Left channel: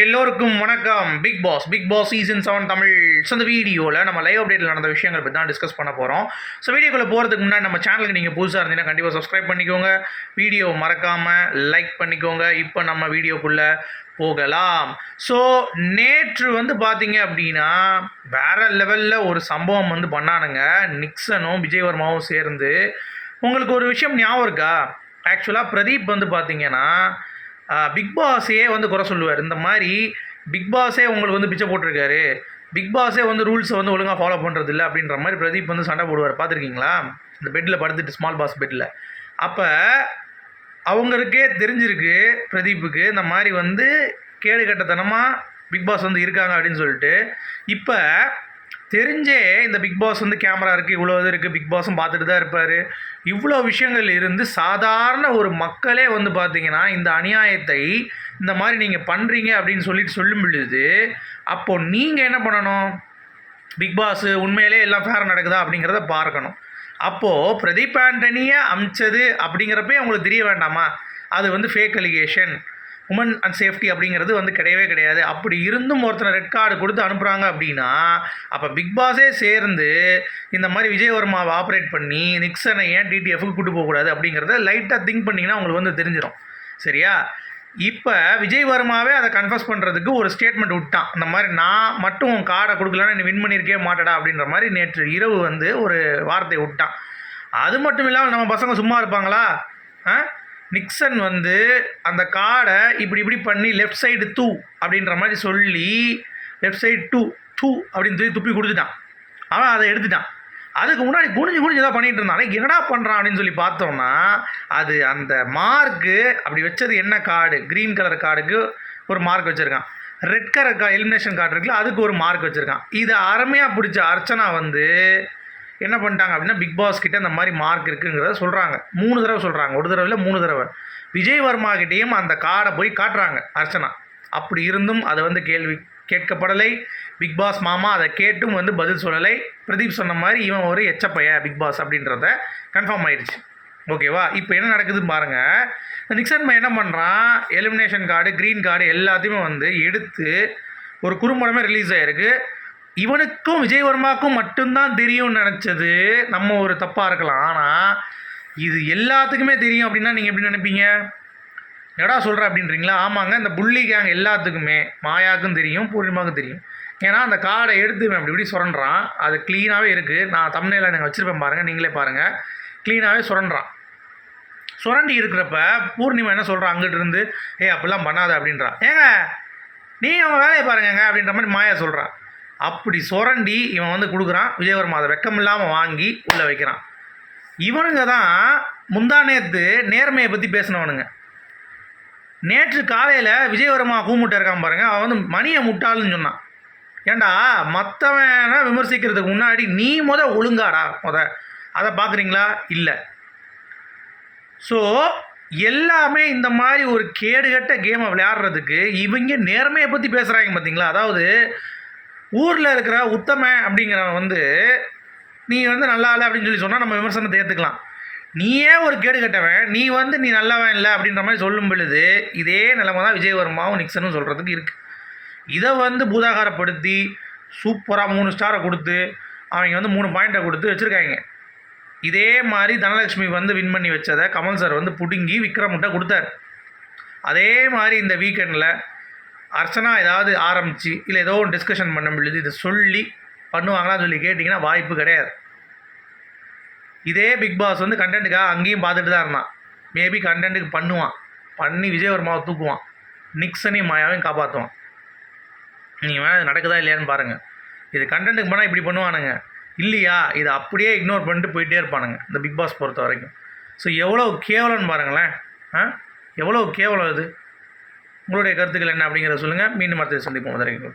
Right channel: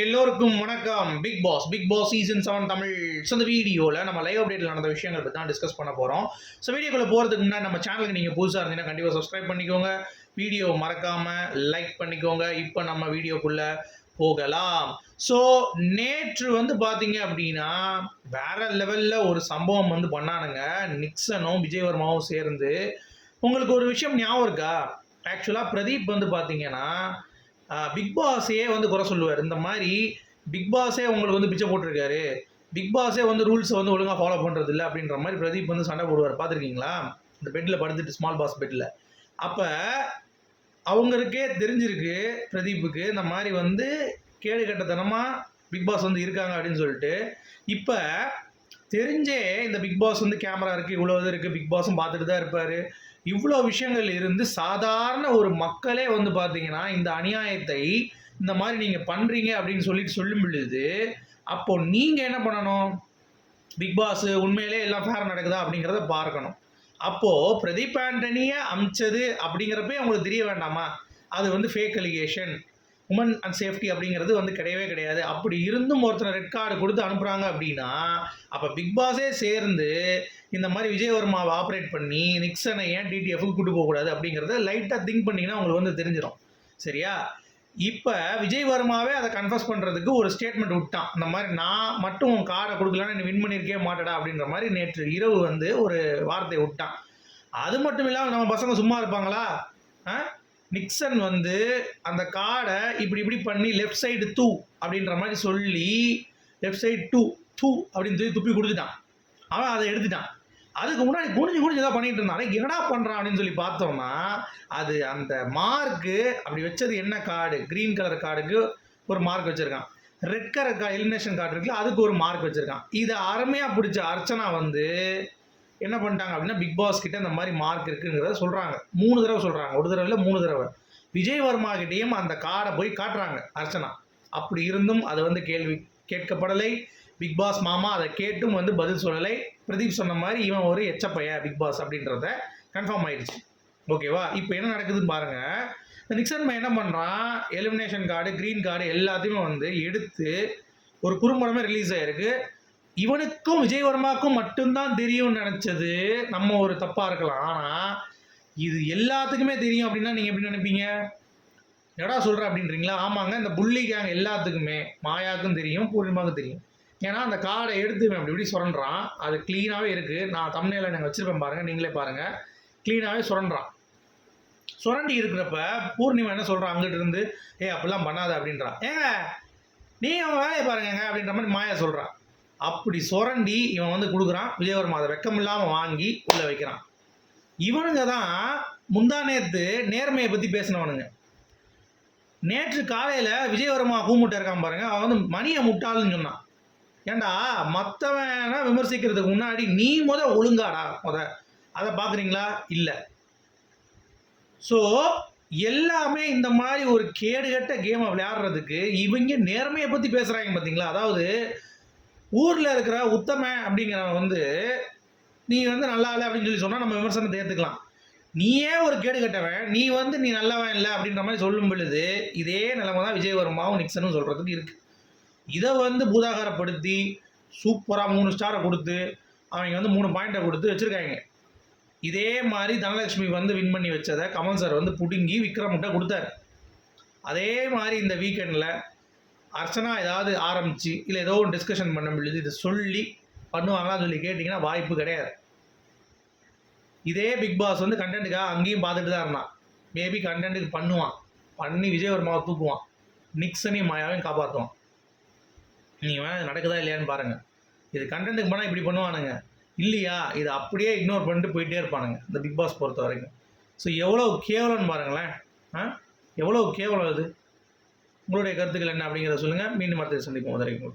எல்லோருக்கும் வணக்கம். Bigg Boss Bigg Boss season seven Tamil. So இந்த வீடியோவில் நம்ம லைவ் அப்டேட்டில் நடந்த விஷயங்கள் பற்றி தான் டிஸ்கஸ் பண்ண போகிறோம் ஸோ வீடியோக்குள்ளே போகிறதுக்கு முன்னாடி நம்ம சேனலுக்கு நீங்கள் புதுசாக இருந்தீங்கன்னா கண்டிப்பாக சப்ஸ்கிரைப் பண்ணிக்கோங்க. வீடியோ மறக்காமல் லைக் பண்ணிக்கோங்க. இப்போ நம்ம வீடியோக்குள்ளே போகலாம். ஸோ நேற்று வந்து பார்த்தீங்க அப்படின்னா வேற லெவலில் ஒரு சம்பவம் வந்து பண்ணானுங்க. நிக்சனும் விஜயவர்மாவும் சேர்ந்து. உங்களுக்கு ஒரு விஷயம் ஞாபகம் இருக்கா? ஆக்சுவலாக பிரதீப் வந்து பார்த்தீங்கன்னா பிக் பாஸையே வந்து குறை சொல்லுவார். இந்த மாதிரி பிக் பாஸே உங்களுக்கு வந்து பிச்சை போட்டிருக்காரு. பிக் பாஸே வந்து ரூல்ஸை வந்து ஒழுங்காக ஃபாலோ பண்ணுறதில்ல அப்படின்ற மாதிரி பிரதீப் வந்து சண்டை போடுவார். பார்த்துருக்கீங்களா? இந்த பெட்டில் படுத்துட்டு ஸ்மால் பாஸ் பெட்டில் அப்போ அவங்களுக்கே தெரிஞ்சிருக்கு பிரதீப்புக்கு இந்த மாதிரி வந்து கேடு கட்டத்தனமாக பிக் பாஸ் வந்து இருக்காங்க அப்படின்னு சொல்லிட்டு. இப்போ தெரிஞ்சே இந்த பிக் பாஸ் வந்து கேமரா இருக்குது இவ்வளோ இது இருக்குது பிக் பாஸும் பார்த்துட்டு தான் இருப்பார். இவ்வளோ விஷயங்கள் இருந்து சாதாரண ஒரு மக்களே வந்து பார்த்தீங்கன்னா இந்த அநியாயத்தை இந்த மாதிரி நீங்கள் பண்ணுறீங்க அப்படின்னு சொல்லிட்டு சொல்லும் பொழுது அப்போது நீங்கள் என்ன பண்ணணும்? பிக் பாஸ் உண்மையிலே எல்லாம் ஃபேர் நடக்குதா அப்படிங்கிறத பார்க்கணும். அப்போது பிரதீப் ஆண்டனியை அமிச்சது அப்படிங்கிறப்பே அவங்களுக்கு தெரிய வேண்டாமா? அது வந்து fake allegation women and safety அப்படிங்கிறது வந்து கிடையவே கிடையாது. அப்படி இருந்தும் ஒருத்தனை ரெட் கார்டு கொடுத்து அனுப்புகிறாங்க அப்படின்னா அப்போ பிக் பாஸே சேர்ந்து இந்த மாதிரி விஜயவர்மாவை ஆப்ரேட் பண்ணி நிக்சனை ஏன் டிடிஎஃப்க்கு கூட்டு போகக்கூடாது அப்படிங்கிறத லைட்டாக திங்க் பண்ணிங்கன்னா உங்களுக்கு வந்து தெரிஞ்சிடும் சரியா? இப்போ விஜய் வர்மாவே அதை கன்ஃபர்ஸ் பண்ணுறதுக்கு ஒரு ஸ்டேட்மெண்ட் விட்டான். இந்த மாதிரி நான் மட்டும் உன் கார்டை கொடுக்கலன்னா நீ வின் பண்ணியிருக்கே மாட்டடா அப்படின்ற மாதிரி நேற்று இரவு வந்து ஒரு வார்த்தை விட்டான். அது மட்டும் இல்லாமல் நம்ம பசங்க சும்மா இருப்பாங்களா? ஆ? நிக்சன் வந்து அந்த கார்டை இப்படி இப்படி பண்ணி லெஃப்ட் சைடு தூ அப்படின்ற மாதிரி சொல்லி லெஃப்ட் சைடு டூ தூ அப்படின்னு சொல்லி துப்பி கொடுத்துட்டான். அவன் அதை எடுத்துட்டான். அதுக்கு முன்னாடி குனிஞ்சு குனிஞ்சு தான் பண்ணிட்டு இருந்தான். "அடே, என்னடா பண்ணுறான் அப்படின்னு சொல்லி பார்த்தோம்னா அது அந்த மார்க்கு அப்படி வச்சது என்ன கார்டு க்ரீன் கலர் கார்டுக்கு ஒரு மார்க் வச்சுருக்கான். ரெட் கலர் கா எலிமினேஷன் கார்டு இருக்குல்ல அதுக்கு ஒரு மார்க் வச்சுருக்கான். இதை அருமையாக பிடிச்ச அர்ச்சனா வந்து என்ன பண்ணிட்டாங்க அப்படின்னா பிக் பாஸ் கிட்ட இந்த மாதிரி மார்க் இருக்குங்கிறத சொல்கிறாங்க மூணு தடவை சொல்கிறாங்க ஒரு தடவை இல்லை மூணு தடவை. விஜய் வர்மா கிட்டேயும் அந்த கார்டை போய் காட்டுறாங்க அர்ச்சனா. அப்படி இருந்தும் அதை வந்து கேள்வி கேட்கப்படலை. பிக் பாஸ் மாமா அதை கேட்டும் வந்து பதில் சொல்லலை. பிரதீப் சொன்ன மாதிரி இவன் ஒரு எச்சப்பைய பிக் பாஸ் அப்படின்றத கன்ஃபார்ம் ஆயிடுச்சு. ஓகேவா இப்போ என்ன நடக்குதுன்னு பாருங்கள் இந்த நிக்சன் பையன் என்ன பண்ணுறான் எலிமினேஷன் கார்டு க்ரீன் கார்டு எல்லாத்தையுமே வந்து எடுத்து ஒரு குறும்படமே ரிலீஸ் ஆகிருக்கு இவனுக்கும் விஜயவர்மாக்கும் மட்டும்தான் தெரியும்னு நினச்சது. நம்ம ஒரு தப்பாக இருக்கலாம். ஆனால் இது எல்லாத்துக்குமே தெரியும் அப்படின்னா நீங்கள் எப்படி நினைப்பீங்க? எடா சொல்கிற அப்படின்றீங்களா? ஆமாங்க இந்த புள்ளி கேங் எல்லாத்துக்குமே மாயாவுக்கும் தெரியும் பூர்ணிமாவுக்கும் தெரியும். ஏன்னா அந்த கார்டை எடுத்துவேன் அப்படி இப்படி சுரண்டுறான். அது க்ளீனாகவே இருக்குது நான் தமிழில் நாங்கள் வச்சுருப்பேன் பாருங்கள் நீங்களே பாருங்கள் க்ளீனாகவே சுரண்டான் சுரண்டி இருக்கிறப்ப பூர்ணிமா என்ன சொல்கிறான் அங்கிட்டிருந்து ஏ அப்படிலாம் பண்ணாத அப்படின்றா. ஏங்க நீ அவன் வேலையை பாருங்கங்க அப்படின்ற மாதிரி மாயா சொல்கிறான் அப்படி சுரண்டி இவன் வந்து கொடுக்குறான். விஜயவர்மா அதை வெக்கம் இல்லாமல் வாங்கி உள்ளே வைக்கிறான். இவனுங்க தான் முந்தா நேற்று நேர்மையை பற்றி பேசினவனுங்க. நேற்று காலையில் விஜயவர்மா கூமுட்டை இருக்கான் பாருங்க. அவன் வந்து மணியை முட்டாளுன்னு சொன்னான். ஏண்டா மற்றவனை விமர்சிக்கிறதுக்கு முன்னாடி நீ முத ஒழுங்காடா முத. அதை பார்க்குறீங்களா? இல்லை. ஸோ எல்லாமே இந்த மாதிரி ஒரு கேடுகட்ட கேமை விளையாடுறதுக்கு இவங்க நேர்மையை பற்றி பேசுகிறாங்க பார்த்தீங்களா அதாவது ஊரில் இருக்கிற உத்தம அப்படிங்கிறவன் வந்து நீ வந்து நல்லா இல்லை அப்படின்னு சொல்லி சொன்னால் நம்ம விமர்சனத்தை ஏற்றுக்கலாம் நீயே ஒரு கேடு கட்டவன் நீ வந்து நீ நல்லவன் இல்லை அப்படின்ற மாதிரி சொல்லும் பொழுது இதே நிலைமை தான் விஜயவர்மாவும் நிக்சனும் சொல்கிறதுக்கு இருக்குது இதை வந்து பூதாகாரப்படுத்தி சூப்பராக மூணு ஸ்டாரை கொடுத்து அவங்க வந்து மூணு பாயிண்ட்டை கொடுத்து வச்சுருக்காங்க. இதே மாதிரி தனலட்சுமி வந்து வின் பண்ணி வச்சதை கமல் சார் வந்து பிடுங்கி விக்ரம்கிட்ட கொடுத்தாரு. அதே மாதிரி இந்த வீக்கெண்டில் அர்ச்சனா ஏதாவது ஆரம்பித்து இல்லை ஏதோ ஒன்று டிஸ்கஷன் பண்ண முடியுது இதை சொல்லி பண்ணுவாங்களான்னு சொல்லி கேட்டிங்கன்னா வாய்ப்பு கிடையாது. இதே பிக் பாஸ் வந்து கண்டென்ட்டுக்காக அங்கேயும் பார்த்துட்டு தான் இருந்தான். மேபி கண்டென்ட்டுக்கு பண்ணுவான். பண்ணி விஜயவர்மாவை தூக்குவான். நிக்சனையும் மாயாவையும் காப்பாற்றுவான் நீங்கள் வேணால் நடக்குதா இல்லையான்னு பாருங்கள் இது கண்டென்ட்டுக்கு பண்ணால் இப்படி பண்ணுவானுங்க. இல்லையா? இதை அப்படியே இக்னோர் பண்ணிட்டு போயிட்டே இருப்பானுங்க இந்த பிக் பாஸ் பொறுத்த வரைக்கும். ஸோ எவ்வளோ கேவலம்னு பாருங்களேன். ஆ? எவ்வளோ கேவலம் இது? உங்களுடைய கருத்துக்கள் என்ன அப்படிங்கிறத சொல்லுங்கள் மீண்டும் அடுத்த சந்திப்போம். வரைக்கும்